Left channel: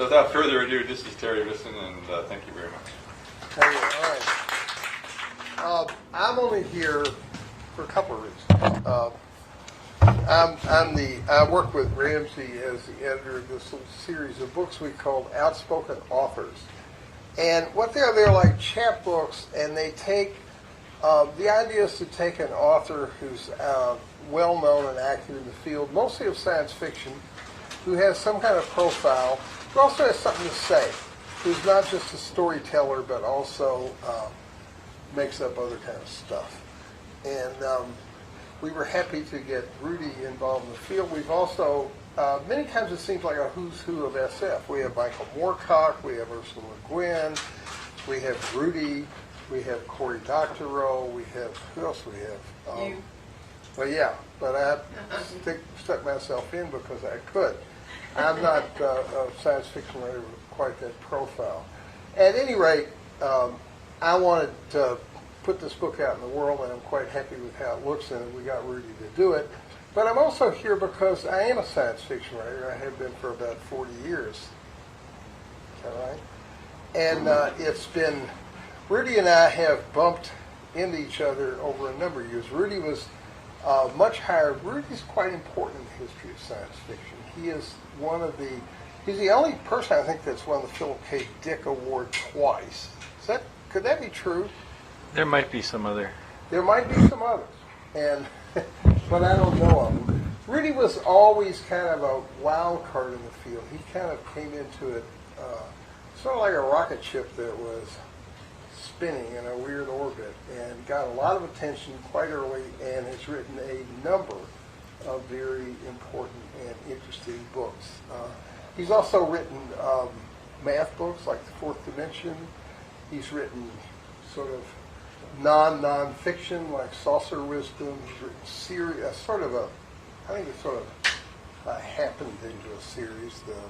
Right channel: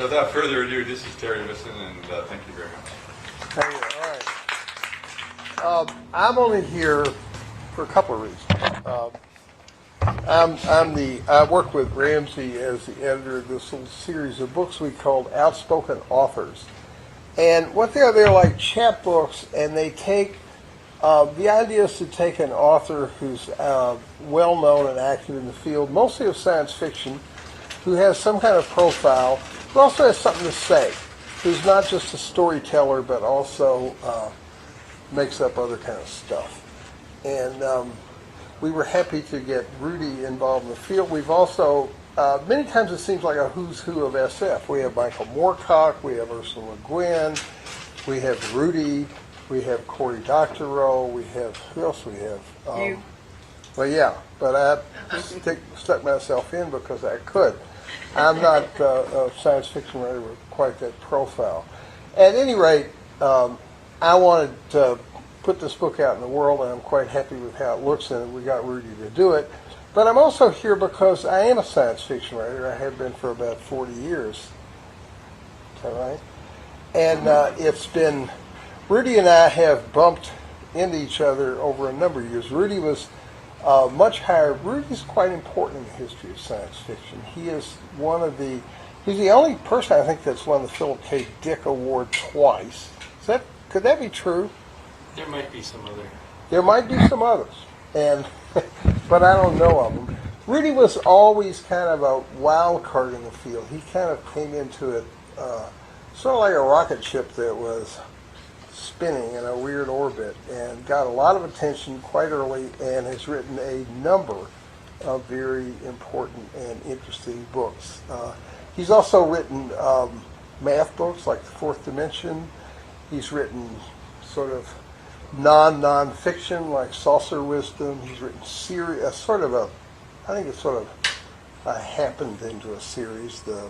So without further ado, this is Terry Visson, and thank you very much. Hey, all right. I'm only here for a couple of reasons. I work with Ramsey as the editor of this little series of books we called Outspoken Authors. And what they're like chapbooks, and they take, the idea is to take an author who's well-known and active in the field, mostly of science fiction, who has some kind of profile, who also has something to say, who's not just a storyteller, but also makes up other kind of stuff. And we were happy to get Rudy involved in the field. We've also, many times it seems like a who's who of SF. We have Michael Moorcock, we have Ursula Le Guin, we have Rudy, we have Cory Doctorow, we have, who else we have? You. Well, yeah, but I stuck myself in because I could. I'm not a science fiction writer with quite that profile. At any rate, I wanted to put this book out in the world, and I'm quite happy with how it looks, and we got Rudy to do it. But I'm also here because I am a science fiction writer. I have been for about 40 years. Is that right? And it's been, Rudy and I have bumped into each other over a number of years. Rudy was much higher. Rudy's quite important in the history of science fiction. He is he's the only person I think that's won the Philip K. Dick Award twice. Could that be true? There might be some other. There might be some others, but I don't know of them. Rudy was always kind of a wild card in the field. He kind of came into it sort of like a rocket ship that was spinning in a weird orbit and got a lot of attention quite early and has written a number of very important and interesting books. He's also written math books like The Fourth Dimension. He's written sort of non-fiction like Saucer Wisdom. He's written series, I think it's sort of happened into a series, The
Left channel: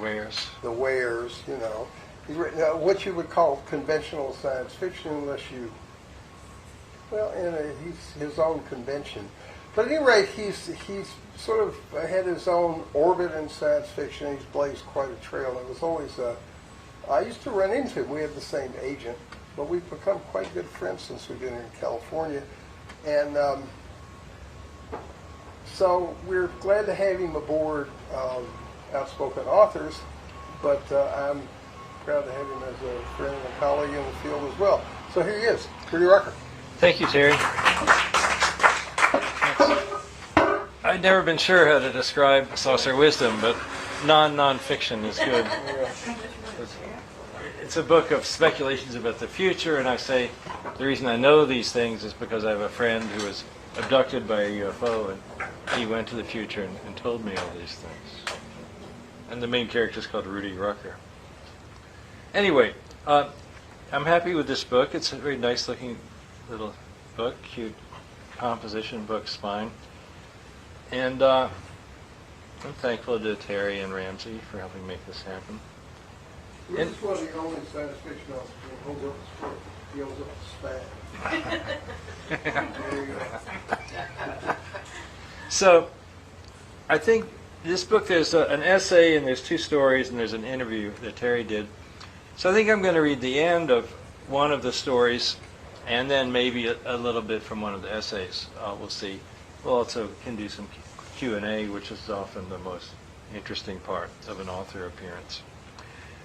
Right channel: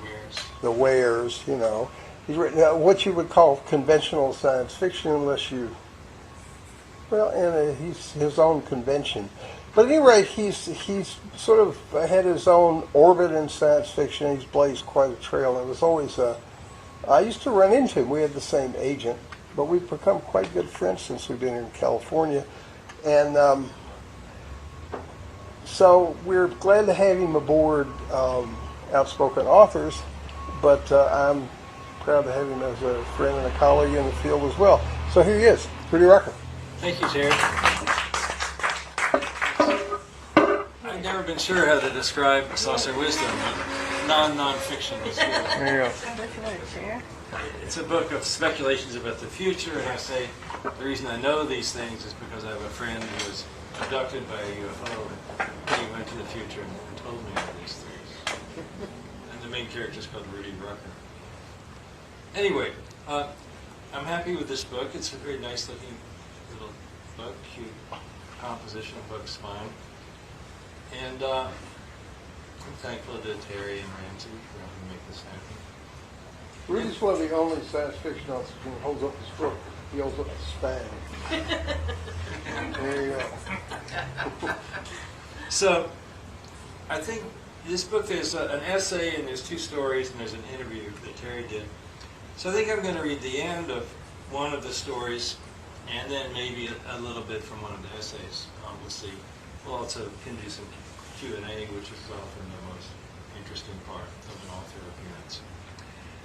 Wares. The Wares, you know. He's written what you would call conventional science fiction, unless you, well, he's his own convention. But at any rate, he's sort of had his own orbit in science fiction. He's blazed quite a trail. It was always I used to run into him. We had the same agent, but we've become quite good friends since we've been in California. And so we're glad to have him aboard Outspoken Authors, but I'm proud to have him as a friend and a colleague in the field as well. So here he is, Rudy Rucker. Thank you, Terry. I've never been sure how to describe Saucer Wisdom, but non-fiction is good. There you go. It's a book of speculations about the future, and I say the reason I know these things is because I have a friend who was abducted by a UFO, and he went to the future and told me all these things. And the main character is called Rudy Rucker. Anyway, I'm happy with this book. It's a very nice-looking little book, cute composition, book spine. And I'm thankful to Terry and Ramsey for helping make this happen. Rudy's one of the only science fiction authors who holds up his foot. He holds up his spine. There you go. So, I think this book, there's an essay and there's two stories and there's an interview that Terry did. So I think I'm going to read the end of one of the stories and then maybe a little bit from one of the essays. We'll see. We'll also can do some Q&A, which is often the most interesting part of an author appearance.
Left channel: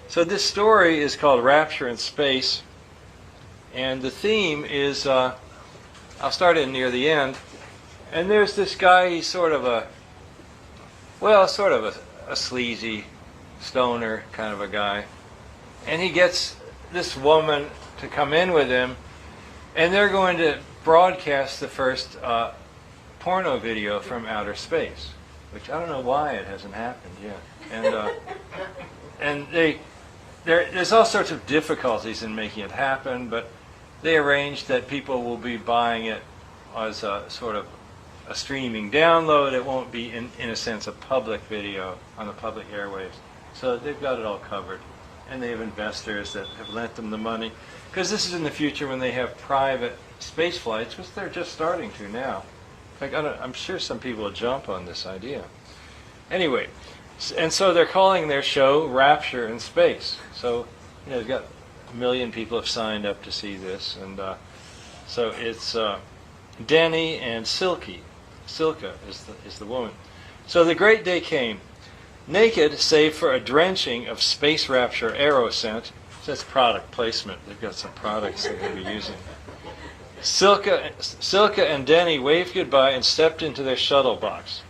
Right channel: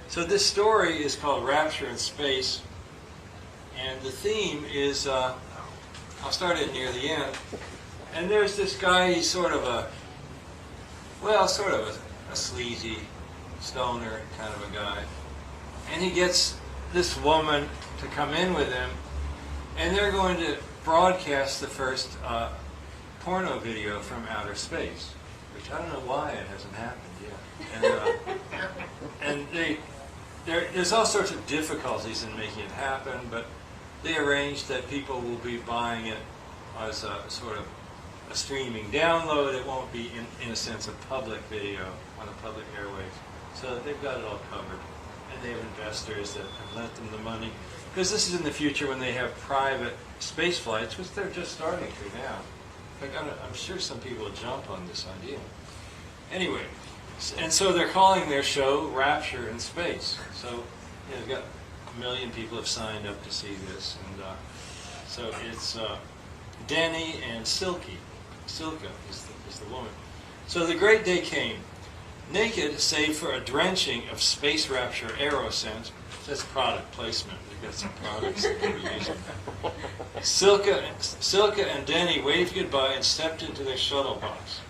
So this story is called Rapture in Space, and the theme is, I'll start it near the end, and there's this guy, he's sort of a sleazy stoner kind of a guy, and he gets this woman to come in with him, and they're going to broadcast the first porno video from outer space, which I don't know why it hasn't happened yet. And there's all sorts of difficulties in making it happen, but they arranged that people will be buying it as a sort of a streaming download. It won't be, in a sense, a public video on the public airwaves. So they've got it all covered. And they have investors that have lent them the money. Because this is in the future when they have private space flights, which they're just starting to now. In fact, I'm sure some people will jump on this idea. Anyway, And so they're calling their show Rapture in Space. So, they've got 1 million people have signed up to see this. And so it's Denny and Silky. Silka is the woman. So the great day came. Naked, save for a drenching of Space Rapture Aeroscent. That's product placement. They've got some products they're going to be using. Silka and Denny waved goodbye and stepped into their shuttle box.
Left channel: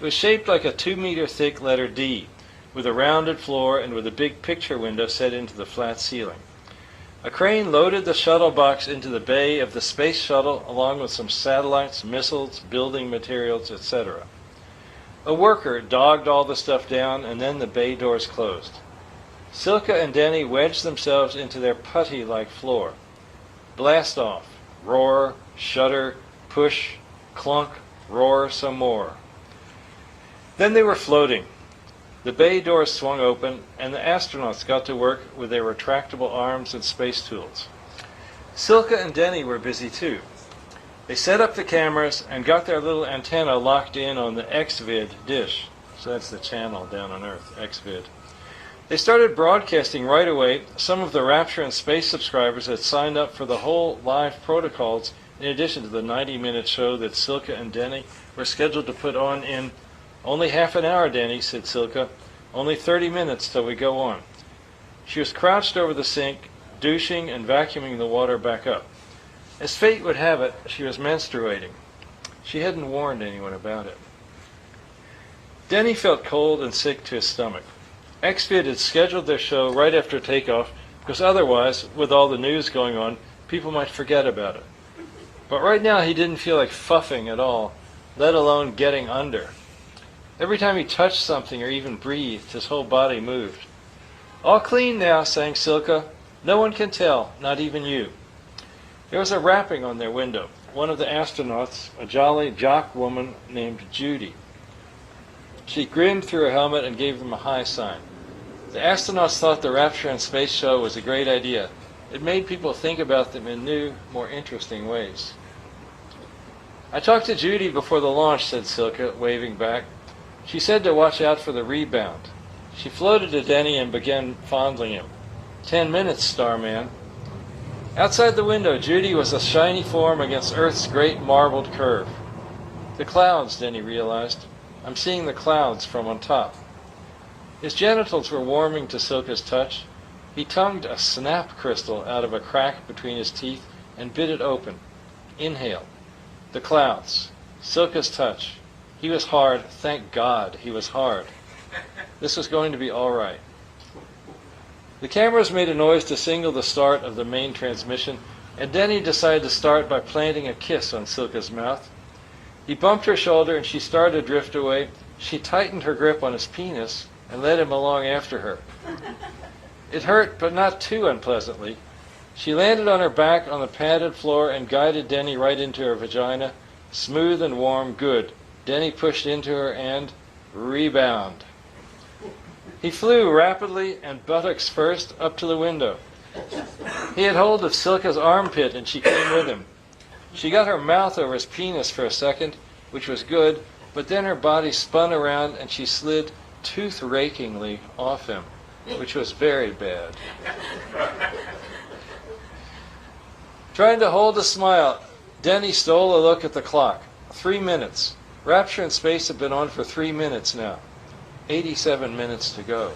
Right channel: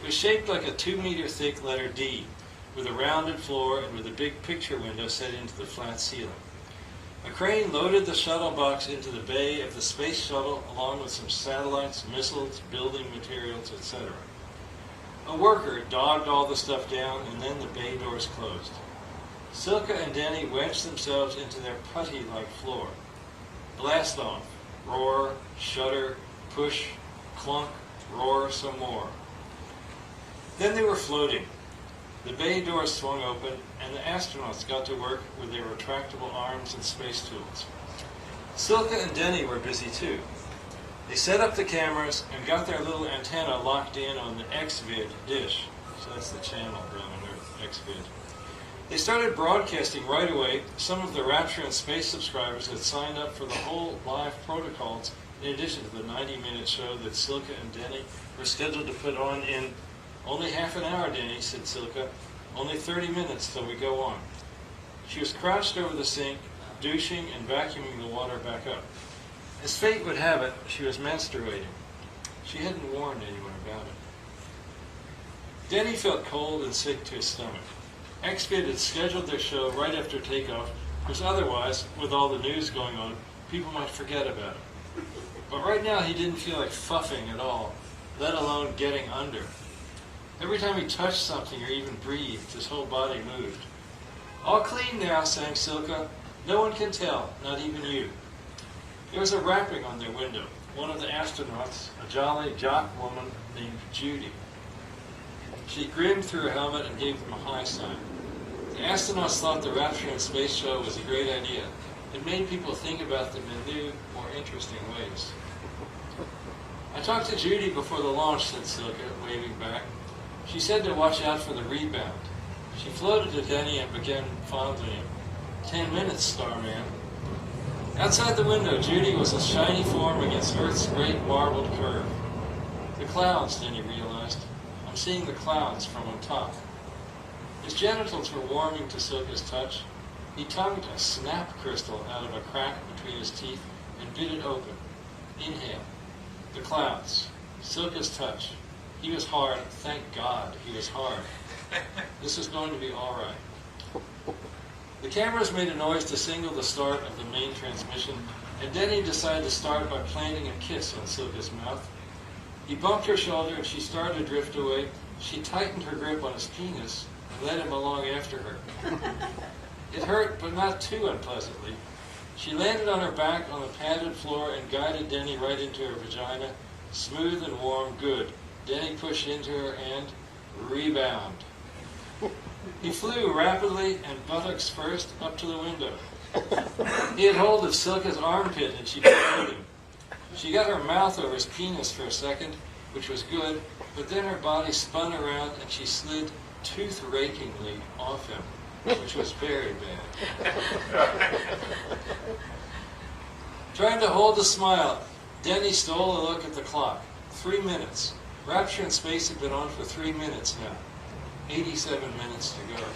It was shaped like a 2-meter thick letter D, with a rounded floor and with a big picture window set into the flat ceiling. A crane loaded the shuttle box into the bay of the space shuttle along with some satellites, missiles, building materials, etc. A worker dogged all the stuff down, and then the bay doors closed. Silka and Denny wedged themselves into their putty-like floor. Blast off. Roar, shudder, push, clunk, roar some more. Then they were floating. The bay doors swung open, and the astronauts got to work with their retractable arms and space tools. Silka and Denny were busy too. They set up the cameras and got their little antenna locked in on the XVID dish. So that's the channel down on Earth, XVID. They started broadcasting right away. Some of the Rapture in Space subscribers had signed up for the whole live protocols in addition to the 90-minute show that Silka and Denny were scheduled to put on in only half an hour, Denny, said Silka. Only 30 minutes till we go on. She was crouched over the sink, douching and vacuuming the water back up. As fate would have it, she was menstruating. She hadn't warned anyone about it. Denny felt cold and sick to his stomach. XVID had scheduled their show right after takeoff because otherwise, with all the news going on, people might forget about it. But right now he didn't feel like fuffing at all, let alone getting under. Every time he touched something or even breathed, his whole body moved. All clean now, sang Silka. No one can tell, not even you. There was a rapping on their window. One of the astronauts, a jolly jock woman named Judy. She grinned through her helmet and gave them a high sign. The astronauts thought the Rapture in Space show was a great idea. It made people think about them in new, more interesting ways. I talked to Judy before the launch, said Silka, waving back. She said to watch out for the rebound. She floated to Denny and began fondling him. 10 minutes, Starman. Outside the window, Judy was a shiny form against Earth's great marbled curve. The clouds, Denny realized. I'm seeing the clouds from on top. His genitals were warming to Silka's touch. He tongued a snap crystal out of a crack between his teeth and bit it open. Inhale. The clouds. Silka's touch. He was hard. Thank God he was hard. This was going to be all right. The cameras made a noise to signal the start of the main transmission, and Denny decided to start by planting a kiss on Silka's mouth. He bumped her shoulder and she started to drift away. She tightened her grip on his penis and led him along after her. It hurt, but not too unpleasantly. She landed on her back on the padded floor and guided Denny right into her vagina. Smooth and warm, good. Denny pushed into her and rebound. He flew rapidly and buttocks first up to the window. He had hold of Silka's armpit and she came with him. She got her mouth over his penis for a second, which was good, but then her body spun around and she slid tooth-rakingly off him, which was very bad. Trying to hold a smile, Denny stole a look at the clock. 3 minutes. Rapture in Space had been on for 3 minutes now. 87 minutes to go.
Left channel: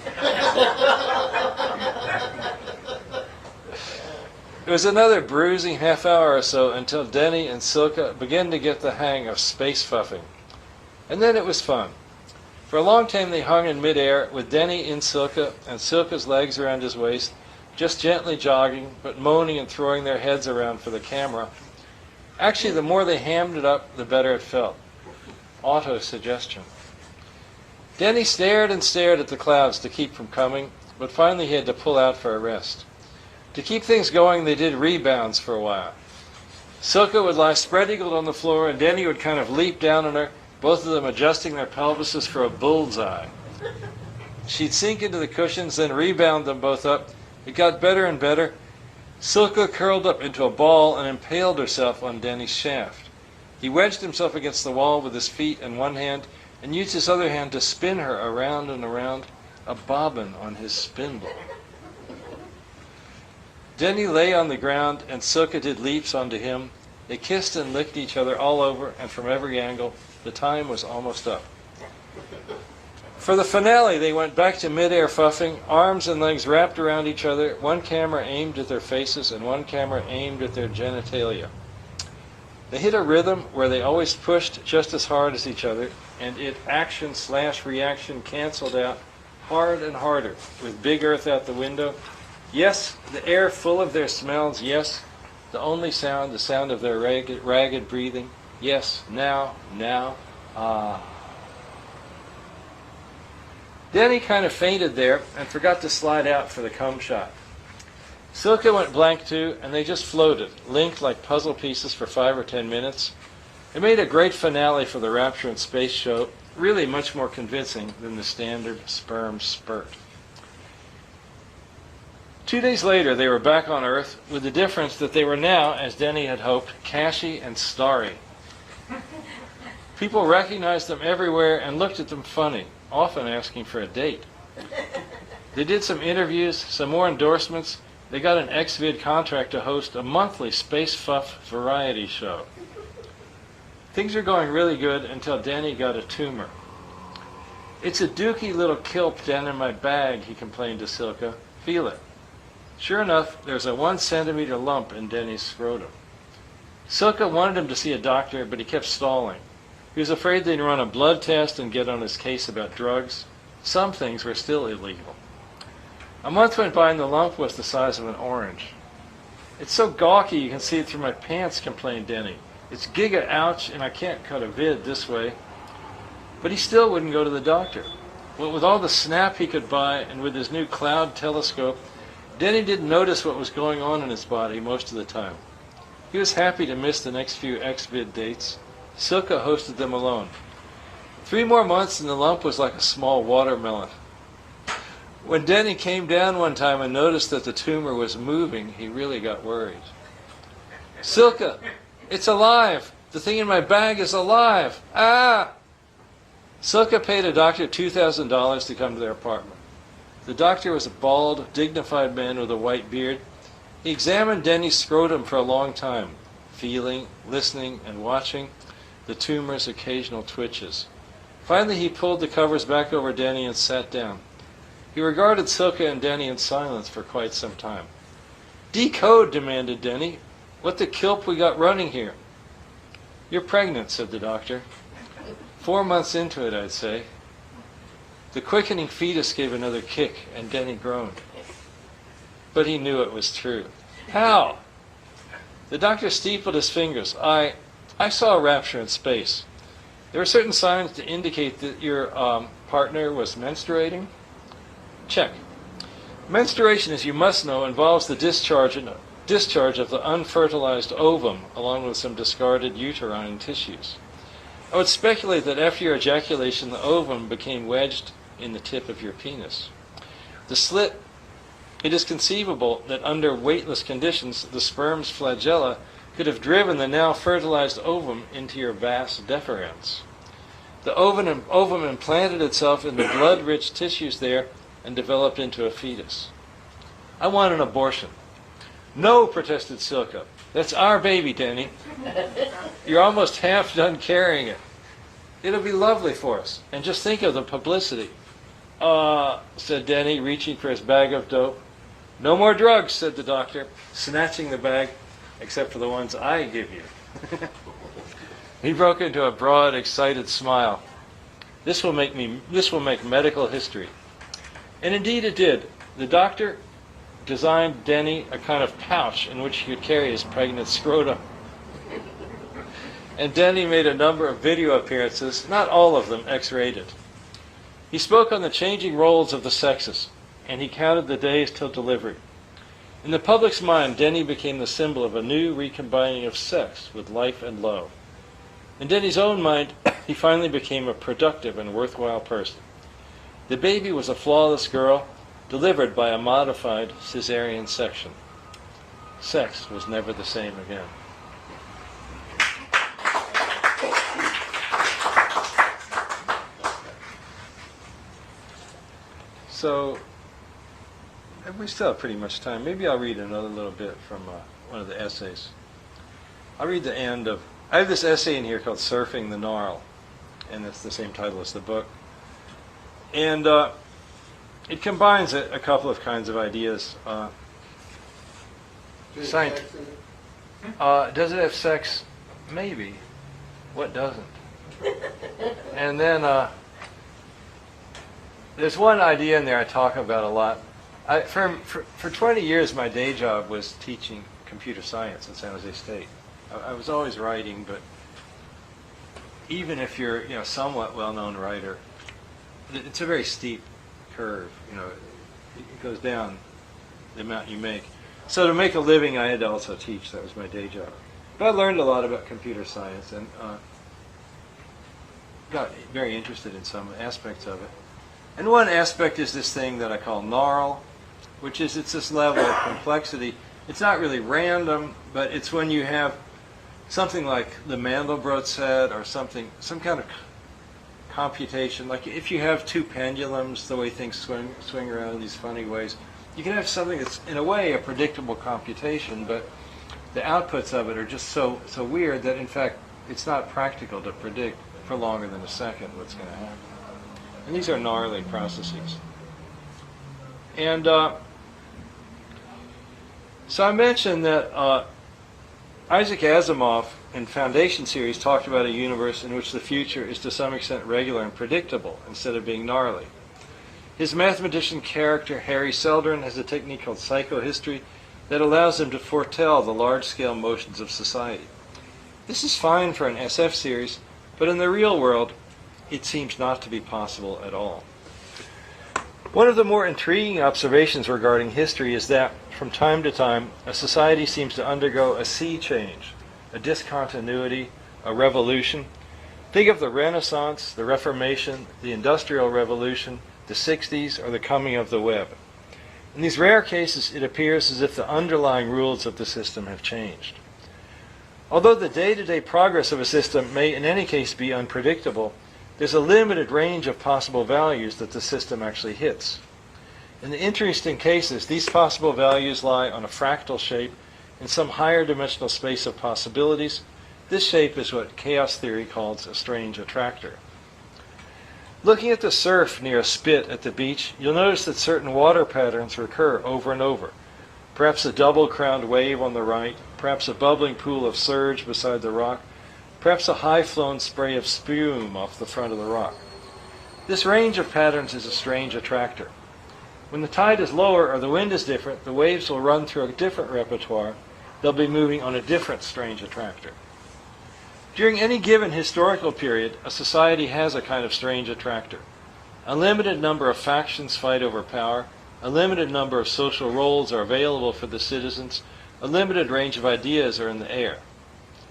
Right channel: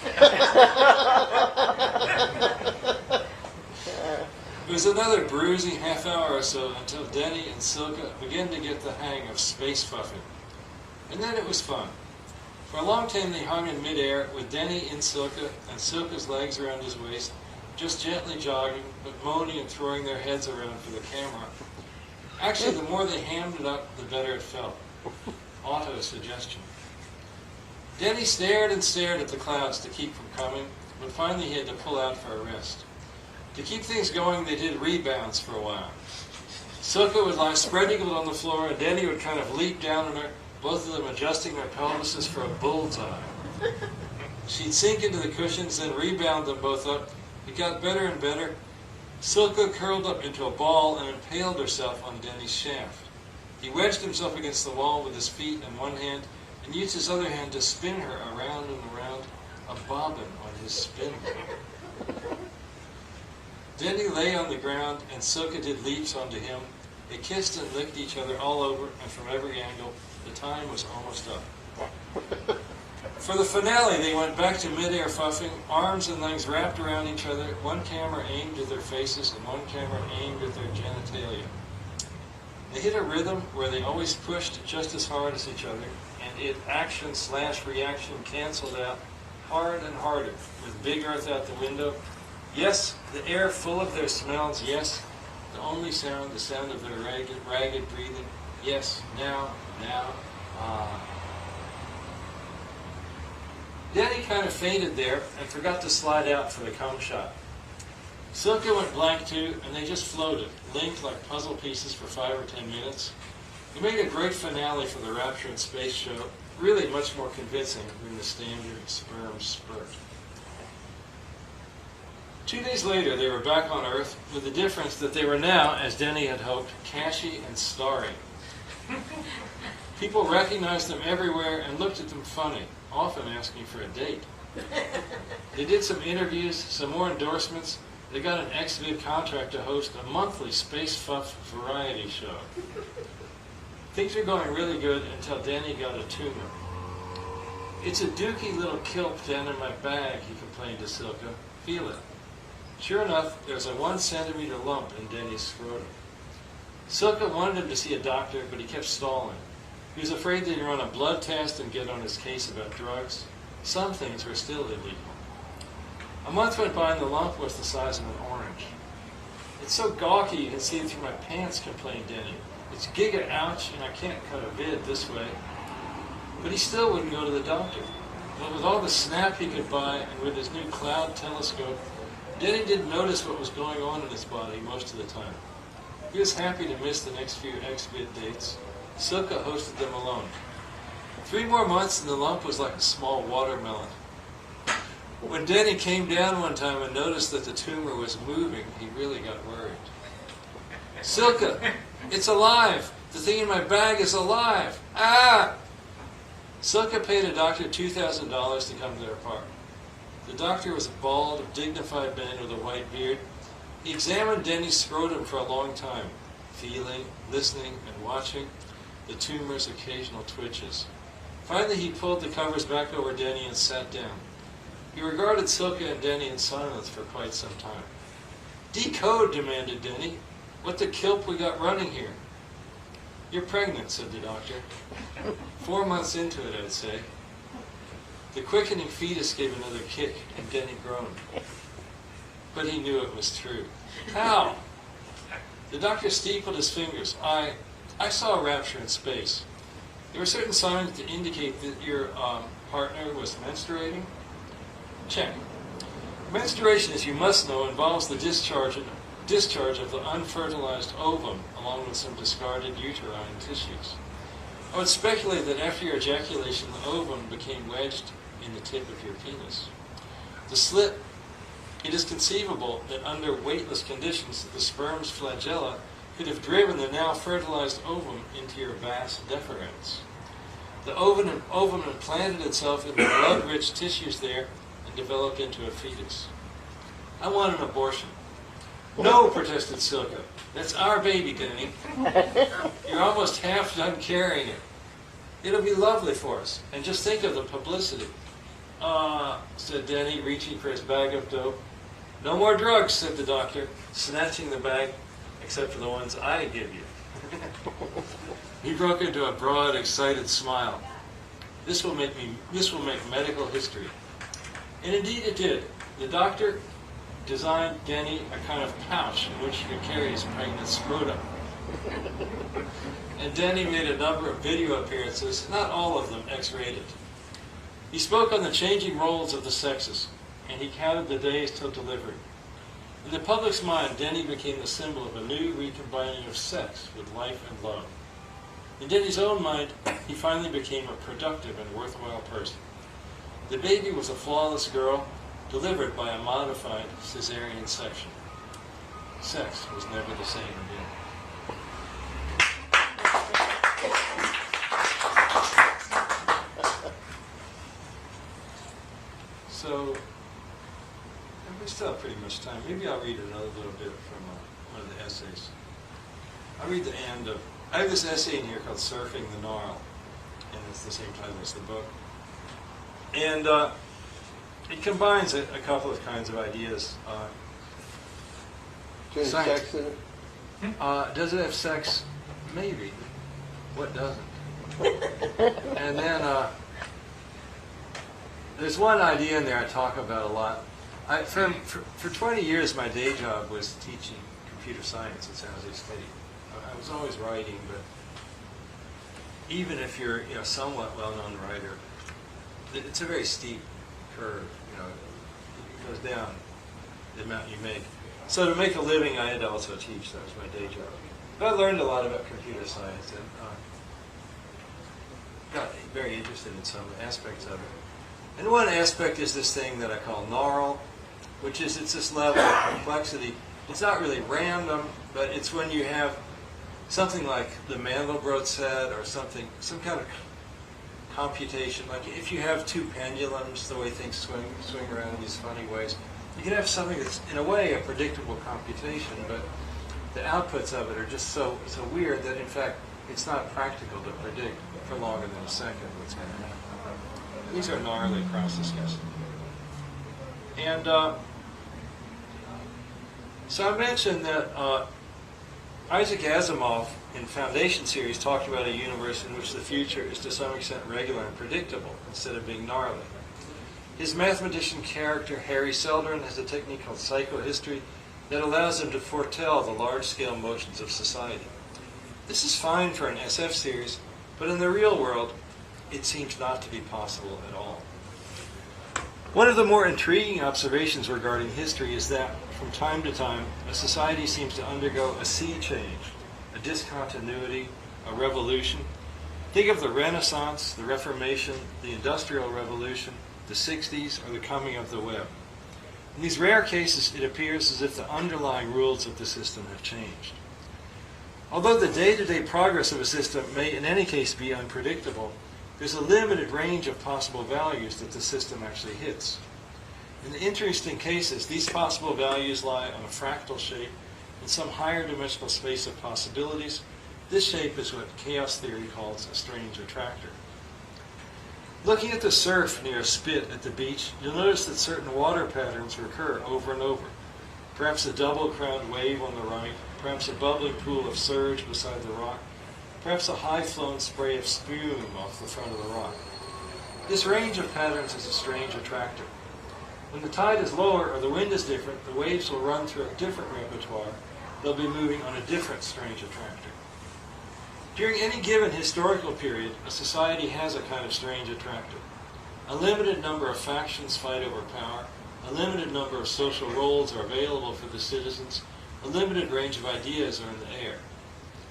It was another bruising half hour or so until Denny and Silka began to get the hang of space fuffing. And then it was fun. For a long time they hung in midair with Denny in Silka and Silka's legs around his waist, just gently jogging, but moaning and throwing their heads around for the camera. Actually, the more they hammed it up, the better it felt. Auto-suggestion. Denny stared and stared at the clouds to keep from coming, but finally he had to pull out for a rest. To keep things going, they did rebounds for a while. Silka would lie spread-eagled on the floor, and Denny would kind of leap down on her, both of them adjusting their pelvises for a bullseye. She'd sink into the cushions, then rebound them both up. It got better and better. Silka curled up into a ball and impaled herself on Denny's shaft. He wedged himself against the wall with his feet in one hand, and used his other hand to spin her around and around a bobbin on his spindle. Denny lay on the ground, and Silka did leaps onto him. They kissed and licked each other all over, and from every angle. The time was almost up. For the finale, they went back to mid-air fuffing, arms and legs wrapped around each other, one camera aimed at their faces and one camera aimed at their genitalia. They hit a rhythm where they always pushed just as hard as each other, and it action/reaction canceled out hard and harder, with Big Earth out the window. Yes, the air full of their smells. Yes, the only sound, the sound of their ragged breathing. Yes, now, ah. Denny kind of fainted there and forgot to slide out for the cum shot. Silka went blank too, and they just floated, linked like puzzle pieces for 5 or 10 minutes. It made a great finale for the Rapture in Space show, really much more convincing than the standard sperm spurt. 2 days later, they were back on Earth, with the difference that they were now, as Denny had hoped, cashy and starry. People recognized them everywhere and looked at them funny, often asking for a date. They did some interviews, some more endorsements. They got an XVID contract to host a monthly Space Fuff variety show. Things were going really good until Danny got a tumor. "It's a dooky little kilp down in my bag," he complained to Silka. "Feel it." Sure enough, there's a 1 centimeter lump in Denny's scrotum. Silka wanted him to see a doctor, but he kept stalling. He was afraid they'd run a blood test and get on his case about drugs. Some things were still illegal. A month went by and the lump was the size of an orange. "It's so gawky you can see it through my pants," complained Denny. "It's giga ouch, and I can't cut a vid this way." But he still wouldn't go to the doctor. What with all the snap he could buy and with his new cloud telescope, Denny didn't notice what was going on in his body most of the time. He was happy to miss the next few XVID dates. Silka hosted them alone. 3 more months and the lump was like a small watermelon. When Denny came down one time and noticed that the tumor was moving, he really got worried. "Silka, it's alive! The thing in my bag is alive! Ah!" Silka paid a doctor $2,000 to come to their apartment. The doctor was a bald, dignified man with a white beard. He examined Denny's scrotum for a long time, feeling, listening, and watching the tumor's occasional twitches. Finally, he pulled the covers back over Denny and sat down. He regarded Silka and Denny in silence for quite some time. "Decode," demanded Denny. "What the kilp we got running here?" "You're pregnant," said the doctor. 4 months into it, I'd say. The quickening fetus gave another kick, and Denny groaned. But he knew it was true. "How?" The doctor steepled his fingers. I saw a rapture in space. There were certain signs to indicate that your partner was menstruating. Check. Menstruation, as you must know, involves the discharge of the unfertilized ovum, along with some discarded uterine tissues. I would speculate that after your ejaculation, the ovum became wedged in the tip of your penis. The slit, it is conceivable that under weightless conditions, the sperm's flagella could have driven the now fertilized ovum into your vas deferens. The ovum implanted itself in the blood-rich tissues there and developed into a fetus. "I want an abortion." "No," protested Silka. "That's our baby, Denny. You're almost half done carrying it. It'll be lovely for us. And just think of the publicity." Said Denny, reaching for his bag of dope. "No more drugs," said the doctor, snatching the bag, "except for the ones I give you." He broke into a broad, excited smile. This will make medical history." And indeed it did. The doctor designed Denny a kind of pouch in which he could carry his pregnant scrotum. And Denny made a number of video appearances, not all of them X-rated. He spoke on the changing roles of the sexes, and he counted the days till delivery. In the public's mind, Denny became the symbol of a new recombining of sex with life and love. In Denny's own mind, he finally became a productive and worthwhile person. The baby was a flawless girl, delivered by a modified cesarean section. Sex was never the same again. So we still have pretty much time. Maybe I'll read another little bit from one of the essays. I'll read the end of. I have this essay in here called "Surfing the Gnarl," and it's the same title as the book. And it combines a couple of kinds of ideas. Science. Sex in it? Does it have sex? Maybe. What doesn't? And then there's one idea in there I talk about a lot. For 20 years, my day job was teaching computer science at San Jose State. I was always writing, but even if you're a somewhat well-known writer, it's a very steep curve. It goes down the amount you make. So to make a living, I had to also teach. That was my day job. But I learned a lot about computer science and got very interested in some aspects of it. And one aspect is this thing that I call Gnarl, which is it's this level of complexity. It's not really random, but it's when you have something like the Mandelbrot set or some kind of computation. Like if you have two pendulums, the way things swing around in these funny ways, you can have something that's in a way a predictable computation, but the outputs of it are just so weird that in fact it's not practical to predict for longer than a second what's going to happen. And these are gnarly processes. And so I mentioned that Isaac Asimov in Foundation series talked about a universe in which the future is to some extent regular and predictable instead of being gnarly. His mathematician character, Harry Seldon, has a technique called psychohistory that allows him to foretell the large-scale motions of society. This is fine for an SF series, but in the real world, it seems not to be possible at all. One of the more intriguing observations regarding history is that, from time to time, a society seems to undergo a sea change, a discontinuity, a revolution. Think of the Renaissance, the Reformation, the Industrial Revolution, the 60s, or the coming of the web. In these rare cases, it appears as if the underlying rules of the system have changed. Although the day-to-day progress of a system may in any case be unpredictable, there's a limited range of possible values that the system actually hits. In the interesting cases, these possible values lie on a fractal shape in some higher dimensional space of possibilities. This shape is what chaos theory calls a strange attractor. Looking at the surf near a spit at the beach, you'll notice that certain water patterns recur over and over. Perhaps a double-crowned wave on the right, perhaps a bubbling pool of surge beside the rock, perhaps a high-flown spray of spume off the front of the rock. This range of patterns is a strange attractor. When the tide is lower or the wind is different, the waves will run through a different repertoire. They'll be moving on a different strange attractor. During any given historical period, a society has a kind of strange attractor. A limited number of factions fight over power, a limited number of social roles are available for the citizens, a limited range of ideas are in the air.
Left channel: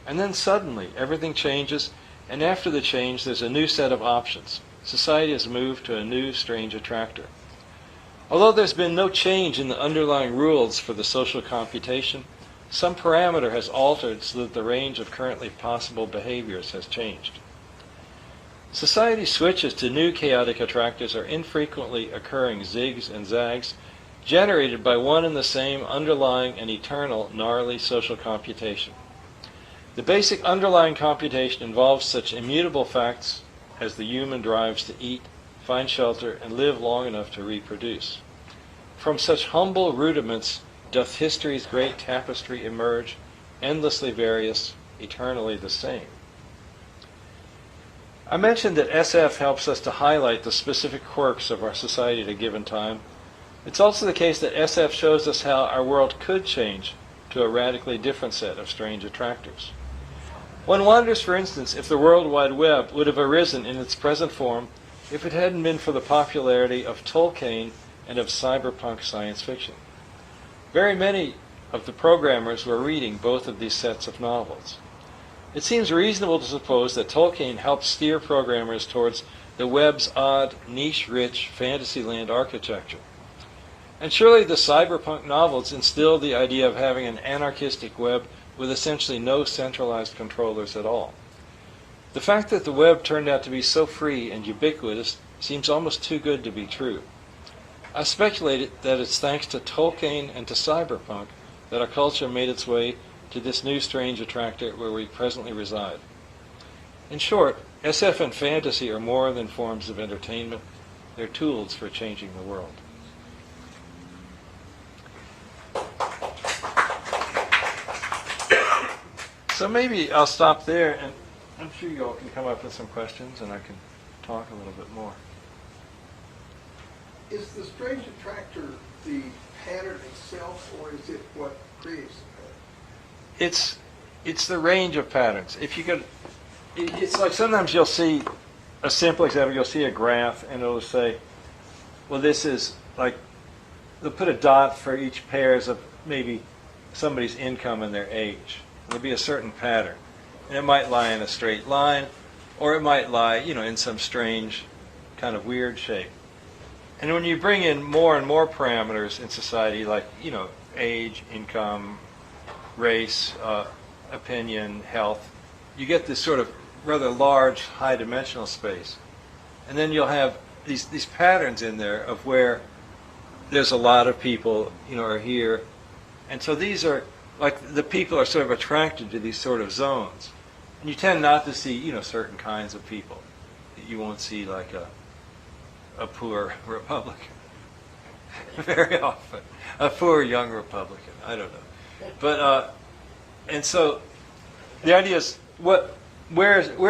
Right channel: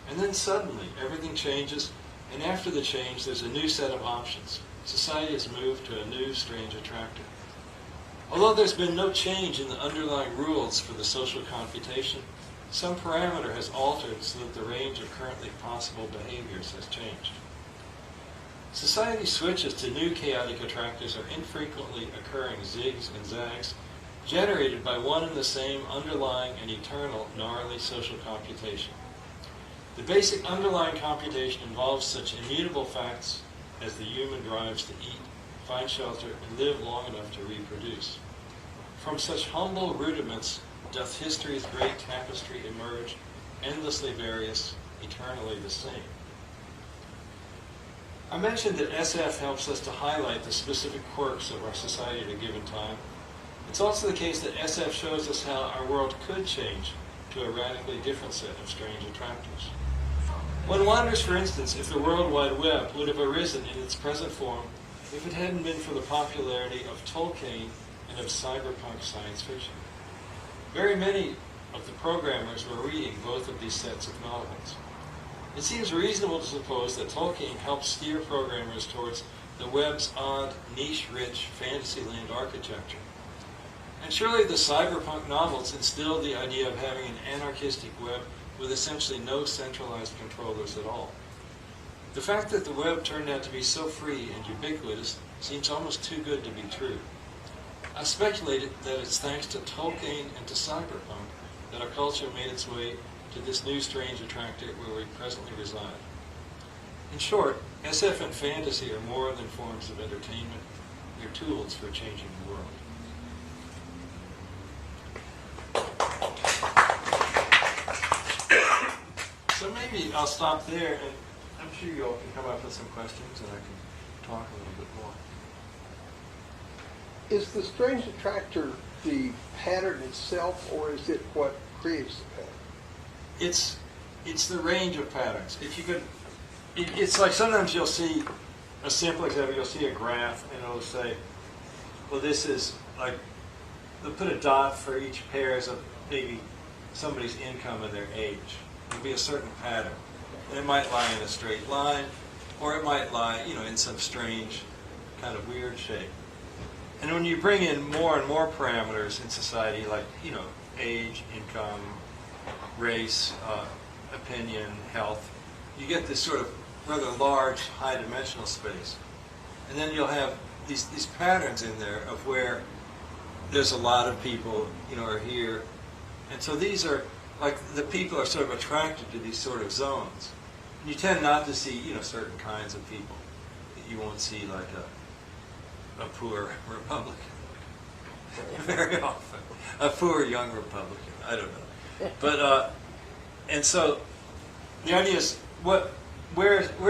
And then suddenly, everything changes, and after the change, there's a new set of options. Society has moved to a new strange attractor. Although there's been no change in the underlying rules for the social computation, some parameter has altered so that the range of currently possible behaviors has changed. Society switches to new chaotic attractors are infrequently occurring zigs and zags, generated by one and the same underlying and eternal gnarly social computation. The basic underlying computation involves such immutable facts as the human drives to eat, find shelter, and live long enough to reproduce. From such humble rudiments doth history's great tapestry emerge, endlessly various, eternally the same. I mentioned that SF helps us to highlight the specific quirks of our society at a given time. It's also the case that SF shows us how our world could change to a radically different set of strange attractors. One wonders, for instance, if the World Wide Web would have arisen in its present form if it hadn't been for the popularity of Tolkien and of cyberpunk science fiction. Very many of the programmers were reading both of these sets of novels. It seems reasonable to suppose that Tolkien helped steer programmers towards the web's odd, niche-rich fantasyland architecture. And surely the cyberpunk novels instilled the idea of having an anarchistic web with essentially no centralized controllers at all. The fact that the web turned out to be so free and ubiquitous seems almost too good to be true. I speculated that it's thanks to Tolkien and to cyberpunk that our culture made its way to this new strange attractor where we presently reside. In short, SF and fantasy are more than forms of entertainment. They're tools for changing the world. So maybe I'll stop there, and I'm sure you all can come up with some questions, and I can talk a little bit more. Is the strange attractor the pattern itself, or is it what creates the pattern? It's the range of patterns. If you could, it's like sometimes you'll see a simple example. You'll see a graph, and it'll say, well, this is like, they'll put a dot for each pairs of maybe somebody's income and their age. There'll be a certain pattern, and it might lie in a straight line, or it might lie, in some strange, kind of weird shape. And when you bring in more and more parameters in society, like, age, income, race, opinion, health, you get this sort of rather large, high-dimensional space. And then you'll have these patterns in there of where there's a lot of people, are here. And so these are, like, the people are sort of attracted to these sort of zones. And you tend not to see, certain kinds of people. You won't see, like, a poor Republican very often. A poor young Republican, I don't know. But, and so the idea is where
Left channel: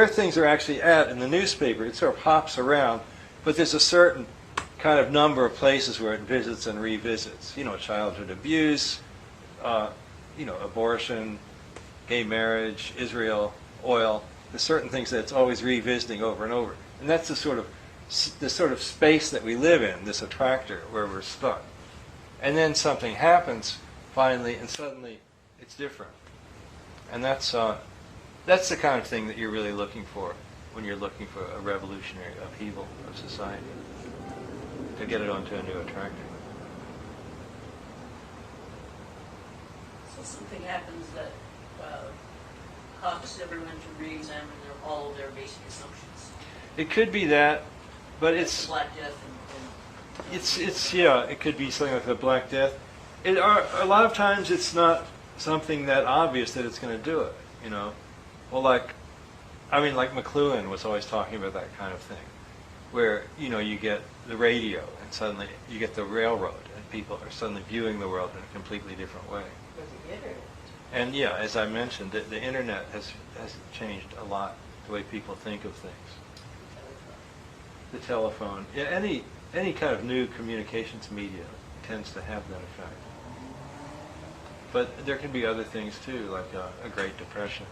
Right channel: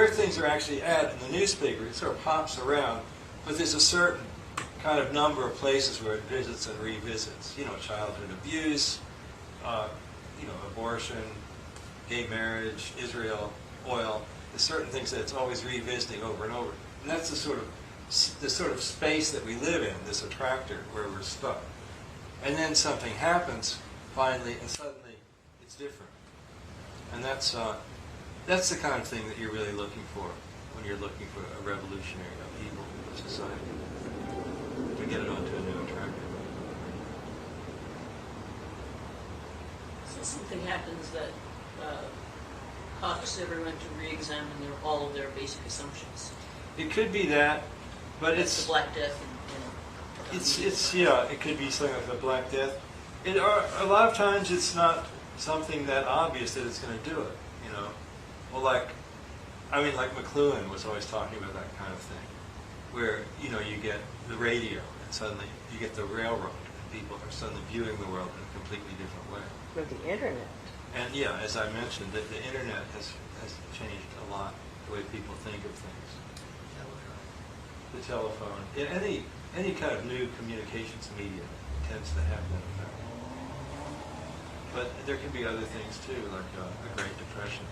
things are actually at in the newspaper, it sort of hops around, but there's a certain kind of number of places where it visits and revisits. Childhood abuse, abortion, gay marriage, Israel, oil. There's certain things that it's always revisiting over and over. And that's the sort of space that we live in, this attractor, where we're stuck. And then something happens, finally, and suddenly it's different. And that's the kind of thing that you're really looking for when you're looking for a revolutionary upheaval of society, to get it onto a new attractor. So something happens that causes everyone to re-examine all of their basic assumptions. It could be that, but Like it's the Black Death. it could be something like the Black Death. A lot of times it's not something that obvious that it's going to do it. Well, like McLuhan was always talking about that kind of thing, where you get the radio and suddenly you get the railroad, and people are suddenly viewing the world in a completely different way. Or the internet. And yeah, as I mentioned, the internet has changed a lot the way people think of things. The telephone, yeah, any kind of new communications media tends to have that effect. But there can be other things too, like a Great Depression.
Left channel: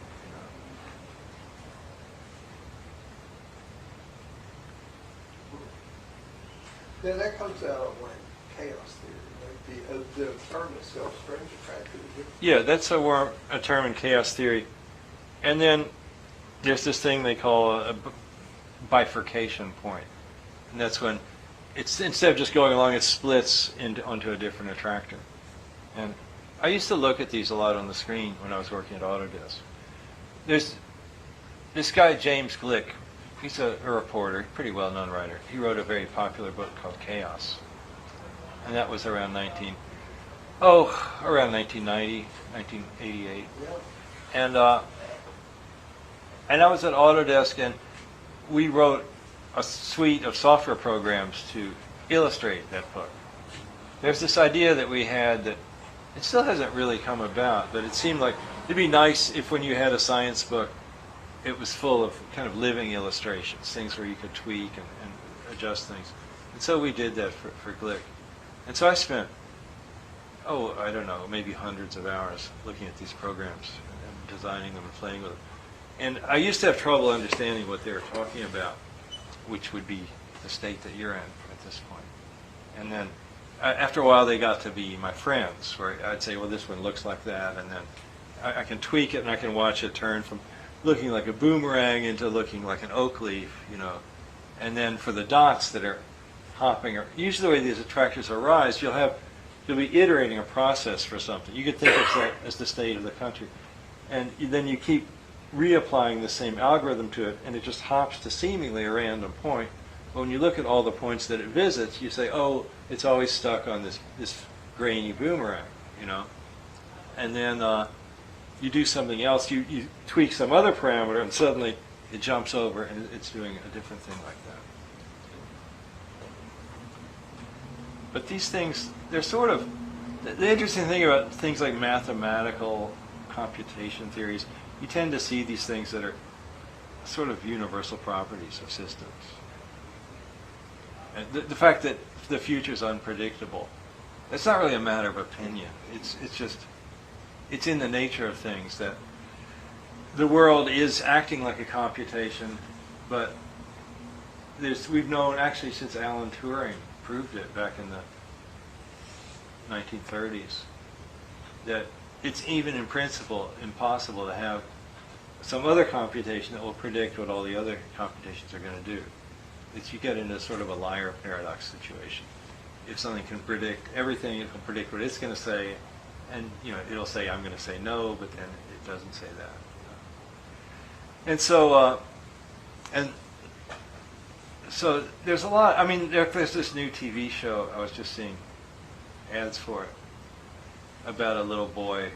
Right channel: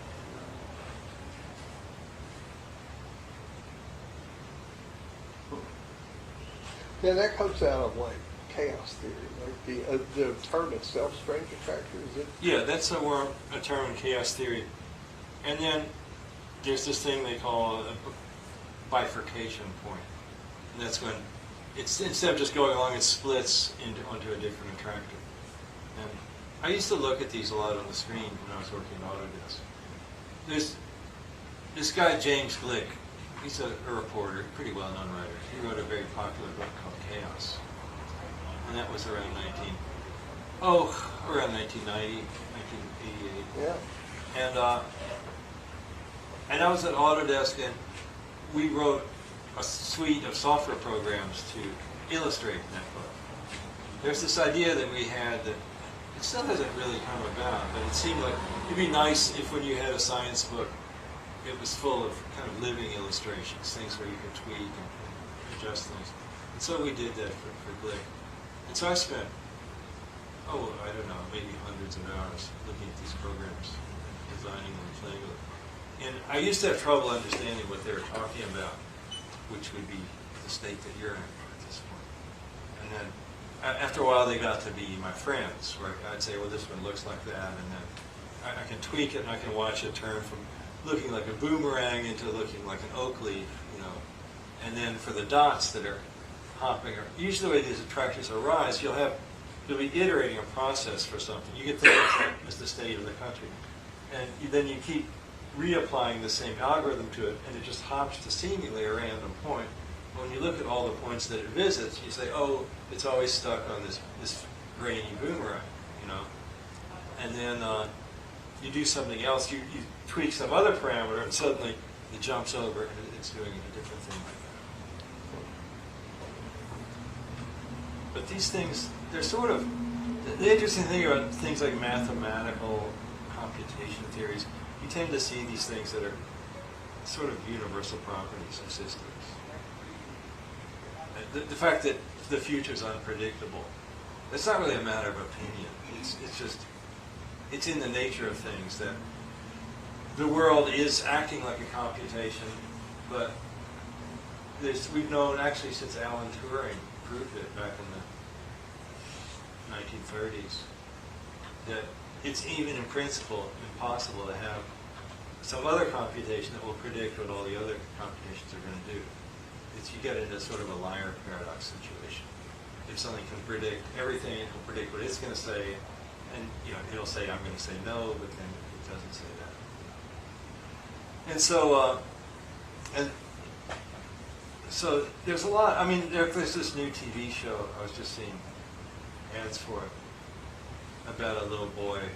Yeah, that comes out of like chaos theory, like the term itself, strange attractor. Is it? Yeah, that's a term in chaos theory. And then there's this thing they call a bifurcation point. And that's when it's, instead of just going along, it splits onto a different attractor. And I used to look at these a lot on the screen when I was working at Autodesk. There's this guy, James Glick. He's a reporter, pretty well-known writer. He wrote a very popular book called Chaos. And that was around 1990, 1988. Yeah. And I was at Autodesk, and we wrote a suite of software programs to illustrate that book. There's this idea that we had that it still hasn't really come about, but it seemed like it'd be nice if when you had a science book, it was full of kind of living illustrations, things where you could tweak and adjust things. And so we did that for Glick. And so I spent, I don't know, maybe hundreds of hours looking at these programs and designing them and playing with them. And I used to have trouble understanding what they were talking about, which would be the state that you're in at this point. And then after a while they got to be my friends, where I'd say, well, this one looks like that, and then I can tweak it and I can watch it turn from looking like a boomerang into looking like an oak leaf, And then for the dots that are hopping, usually the way these attractors arise, you'll be iterating a process for something. You could think of that as the state of the country. And then you keep reapplying the same algorithm to it, and it just hops to seemingly a random point But when you look at all the points that it visits, you say, oh, it's always stuck on this grainy boomerang, you know. And then you do something else, you tweak some other parameter, and suddenly it jumps over and it's doing a different thing like that. But these things, they're sort of, the interesting thing about things like mathematical computation theories, you tend to see these things that are sort of universal properties of systems. The fact that the future is unpredictable, it's not really a matter of opinion. It's in the nature of things that the world is acting like a computation, but we've known actually since Alan Turing proved it back in the 1930s that it's even in principle impossible to have some other computation that will predict what all the other computations are going to do. You get into sort of a liar paradox situation. If something can predict everything, it can predict what it's going to say, and it'll say I'm going to say no, but then it doesn't say that. And so there's a lot. I mean, there's this new TV show I was just seeing ads for it about a little boy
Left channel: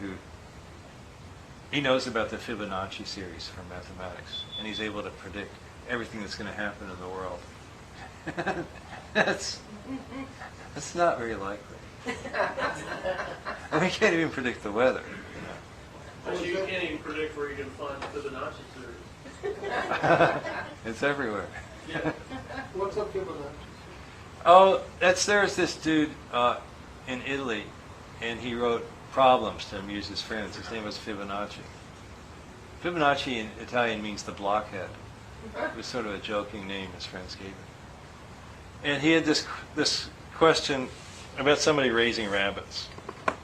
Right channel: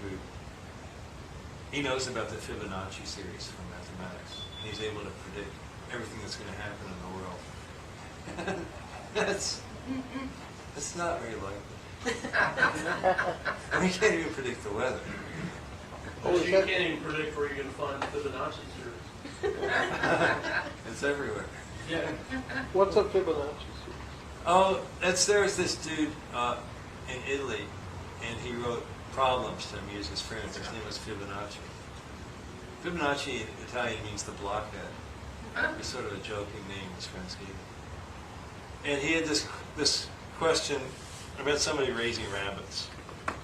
he knows about the Fibonacci series from mathematics, and he's able to predict everything that's going to happen in the world. That's not very likely. And we can't even predict the weather. Well, you can't even predict where you're going to find the Fibonacci series. It's everywhere. Yeah. What's a Fibonacci? Oh, there's this dude in Italy, and he wrote problems to amuse his friends. His name was Fibonacci. Fibonacci in Italian means the blockhead. It was sort of a joking name his friends gave him. And he had this question about somebody raising rabbits.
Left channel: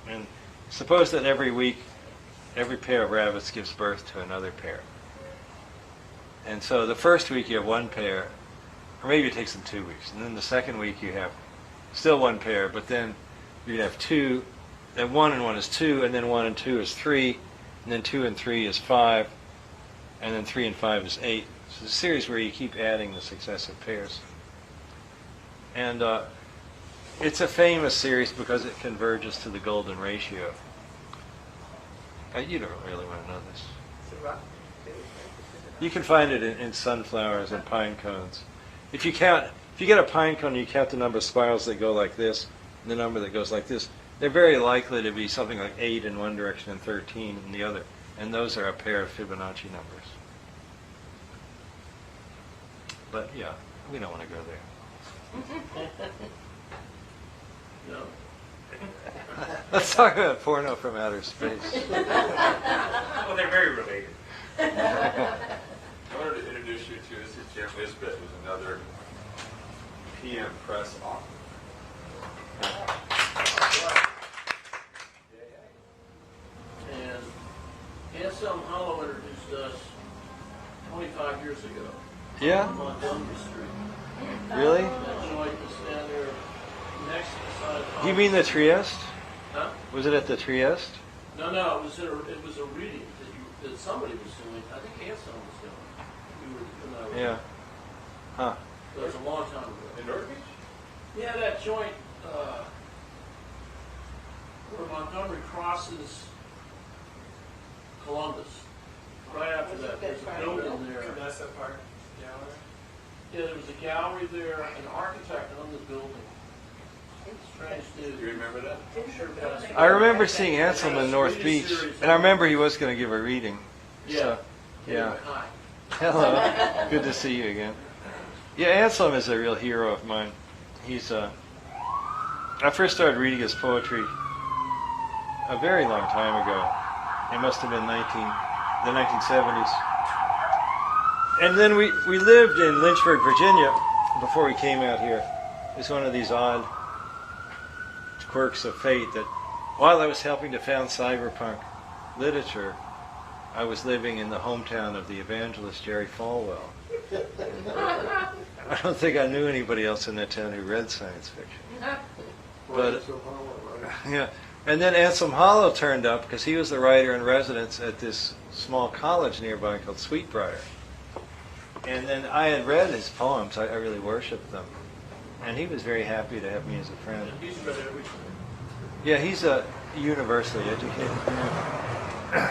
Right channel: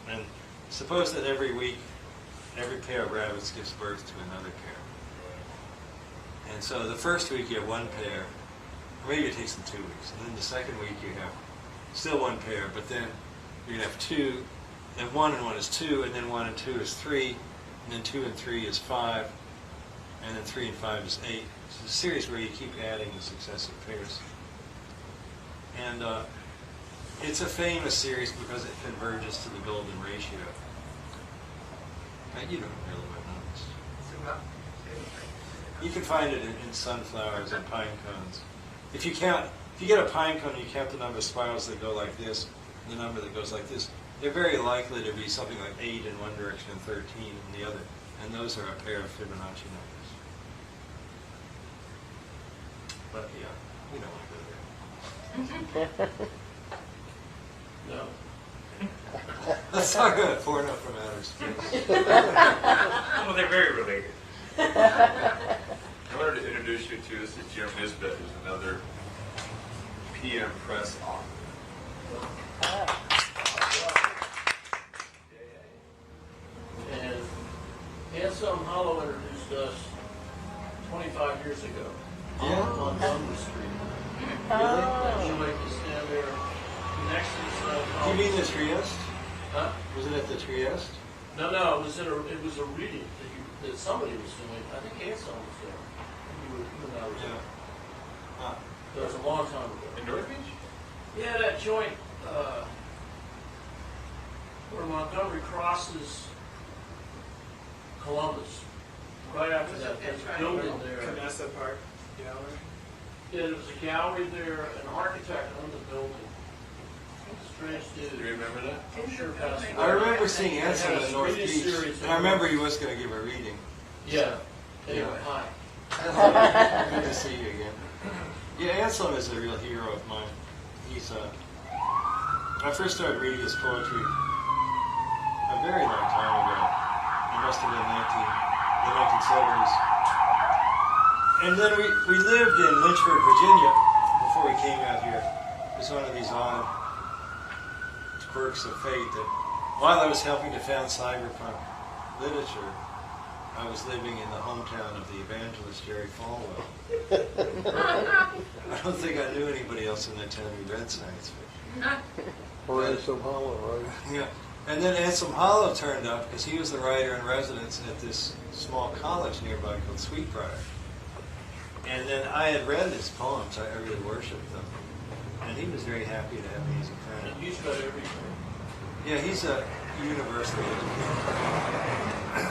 And suppose that every week, every pair of rabbits gives birth to another pair. And so the first week you have one pair, or maybe it takes them 2 weeks. And then the second week you have still one pair, but then you have two, and 1 and 1 is 2, and then 1 and 2 is 3, and then 2 and 3 is 5, and then 3 and 5 is 8. So it's a series where you keep adding the successive pairs. And it's a famous series because it converges to the golden ratio. You don't really want to know this. You can find it in sunflowers and pine cones. If you get a pine cone and you count the number of spirals that go like this, and the number that goes like this, they're very likely to be something like 8 in one direction and 13 in the other. And those are a pair of Fibonacci numbers. But yeah, we don't want to go there. No. Let's talk about porno from outer space. Well, they're very related. I wanted to introduce you to, this is Jim Nisbet, who's another PM Press author. And Anselm Hollow introduced us 25 years ago. Yeah? On Montgomery Street. Really? That joint is down there next to the Scientology. Do you mean the Trieste? Huh? Was it at the Trieste? No, it was a reading that somebody was doing. I think Anselm was doing. You and I were Yeah. Huh. That was a long time ago. In North Beach? Yeah, that joint where Montgomery crosses Columbus. Right after that, there's a building there. Vanessa Park Gallery. Yeah, there was a gallery there, an architect on the building. Strange dude. Do you remember that? I'm sure passed away. I remember seeing Anselm in North Beach, and I remember he was going to give a reading. Yeah. So, yeah. Anyway, hi. Hello. Good to see you again. Yeah, Anselm is a real hero of mine. He's I first started reading his poetry a very long time ago. It must have been the 1970s. And then we lived in Lynchburg, Virginia, before we came out here. It was one of these odd quirks of fate that while I was helping to found cyberpunk literature, I was living in the hometown of the evangelist Jerry Falwell. I don't think I knew anybody else in that town who read science fiction. But Anselm Hollow, right? yeah, and then Anselm Hollow turned up because he was the writer in residence at this small college nearby called Sweetbriar. And then I had read his poems. I really worshipped them. And he was very happy to have me as a friend. And he's read everything. Yeah, he's a universally educated man.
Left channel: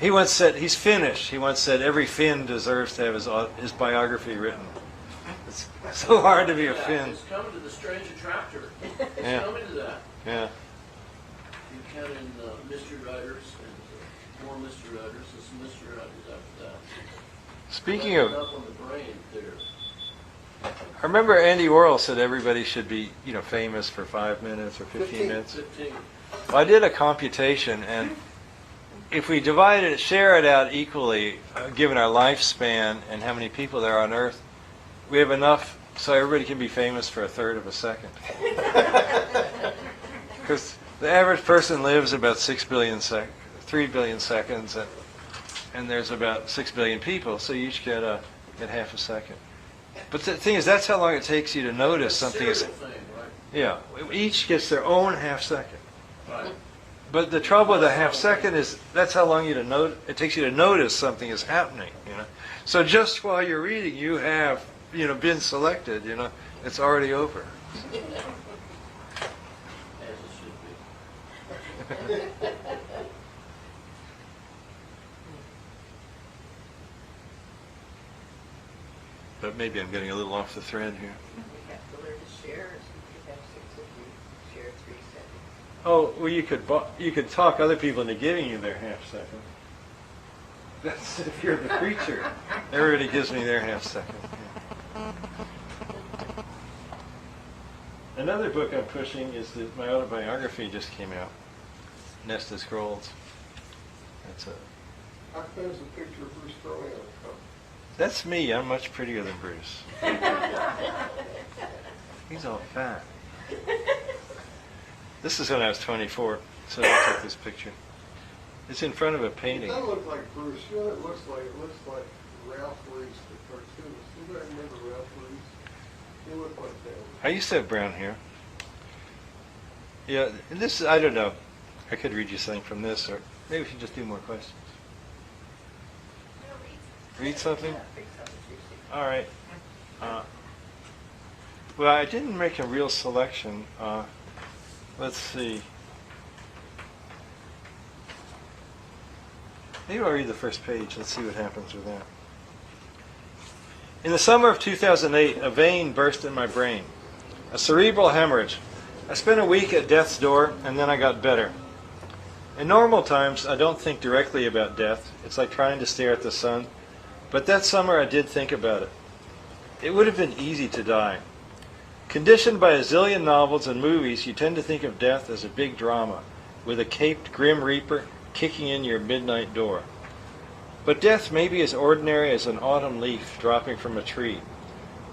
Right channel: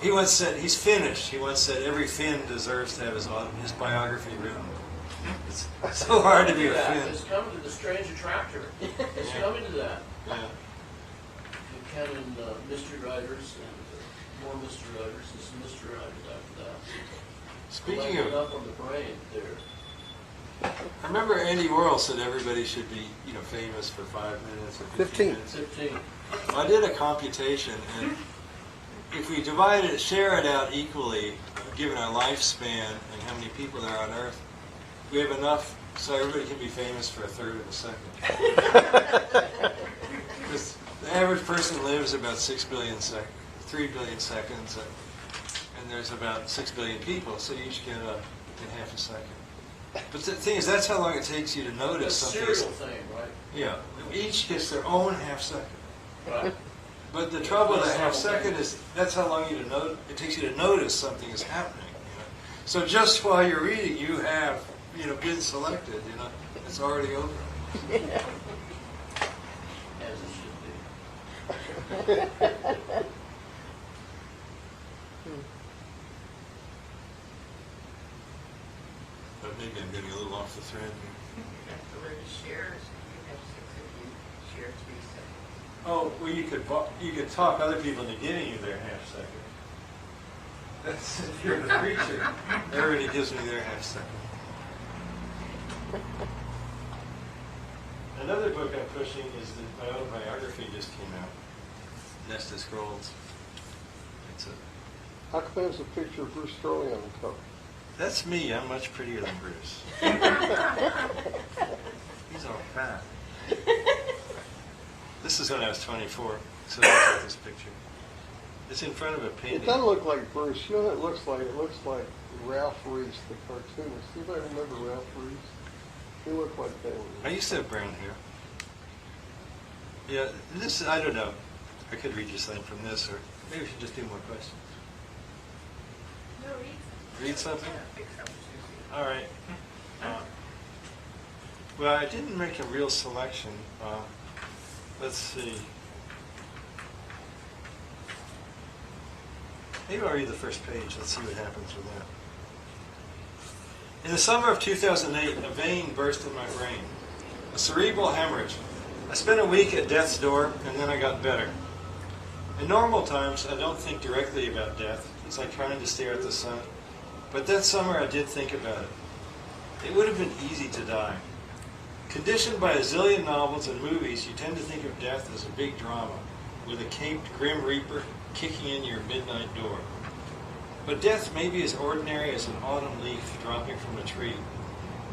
He once said, he's Finnish. He once said, every Finn deserves to have his biography written. It's so hard to be a Finn. It's coming to the strange attractor. It's Yeah. coming to that. Yeah. Buchanan mystery writers and more mystery writers and some mystery writers after that. Speaking Well, of, up on the brain there. I remember Andy Warhol said everybody should be, famous for 5 minutes or 15 15. minutes. 15. Well, I did a computation, and if we share it out equally, given our lifespan and how many people there are on Earth, we have enough so everybody can be famous for a third of a second. Because the average person lives about 3 billion seconds, and there's about 6 billion people, so you each get half a second. But the thing is, that's how long it takes you to notice That's something. serial thing, right? Yeah, each gets their own half second. Right. But the trouble with a half second is that's how long it takes you to notice something is happening. So just while you're reading, you have been selected. It's already over. As it should be. But maybe I'm getting a little off the thread here. You have to learn to share, so you can have 6 of you share 3 seconds. Oh, well, you could talk other people into giving you their half second. That's if you're the preacher. Everybody gives me their half second. Another book I'm pushing is my autobiography just came out, Nested Scrolls. It's How come there's a picture of Bruce Sterling on the cover? That's me. I'm much prettier than Bruce. He's all fat. This is when I was 24, so I took this picture. It's in front of a It painting. doesn't look like Bruce. You know what it looks like? It looks like Ralph Reese, the cartoonist. Anybody remember Ralph Reese? He looked like that. I used to have brown hair. Yeah, and this, I don't know. I could read you something from this, or maybe we should just do more questions. No, Read something? Yeah, pick something juicy. All right. Well, I didn't make a real selection. Let's see. Maybe I'll read the first page. Let's see what happens with that. In the summer of 2008, a vein burst in my brain. A cerebral hemorrhage. I spent a week at death's door, and then I got better. In normal times, I don't think directly about death. It's like trying to stare at the sun. But that summer, I did think about it. It would have been easy to die. Conditioned by a zillion novels and movies, you tend to think of death as a big drama, with a caped Grim Reaper kicking in your midnight door. But death may be as ordinary as an autumn leaf dropping from a tree.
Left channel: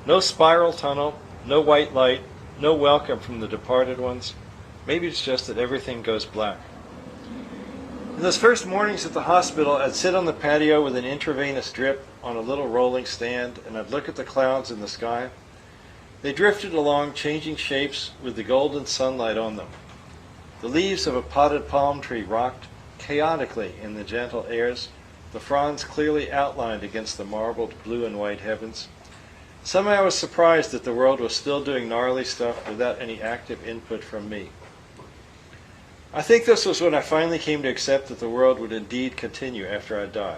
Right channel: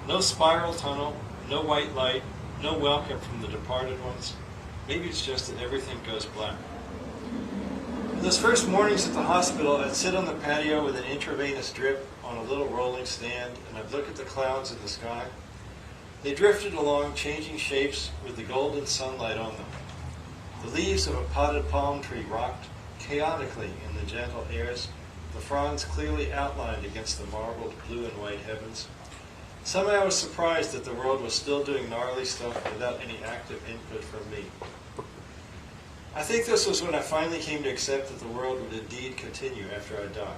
No spiral tunnel, no white light, no welcome from the departed ones. Maybe it's just that everything goes black. In those first mornings at the hospital, I'd sit on the patio with an intravenous drip on a little rolling stand, and I'd look at the clouds in the sky. They drifted along, changing shapes with the golden sunlight on them. The leaves of a potted palm tree rocked chaotically in the gentle airs, the fronds clearly outlined against the marbled blue and white heavens. Somehow I was surprised that the world was still doing gnarly stuff without any active input from me. I think this was when I finally came to accept that the world would indeed continue after I die.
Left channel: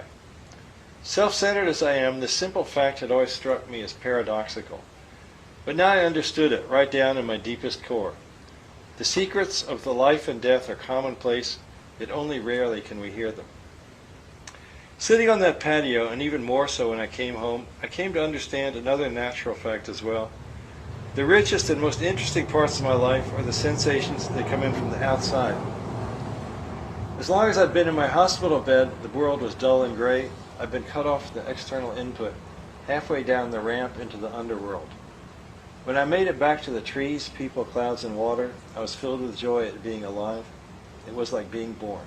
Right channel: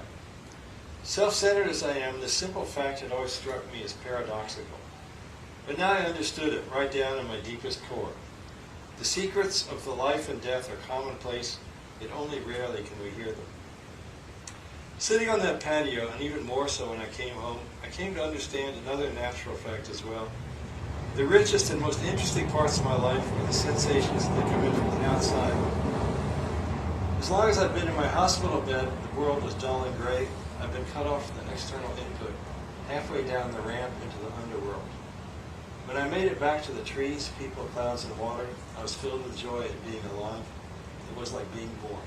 Self-centered as I am, this simple fact had always struck me as paradoxical. But now I understood it right down in my deepest core. The secrets of the life and death are commonplace, yet only rarely can we hear them. Sitting on that patio, and even more so when I came home, I came to understand another natural fact as well. The richest and most interesting parts of my life are the sensations that come in from the outside. As long as I'd been in my hospital bed, the world was dull and gray. I'd been cut off the external input, halfway down the ramp into the underworld. When I made it back to the trees, people, clouds, and water, I was filled with joy at being alive. It was like being born.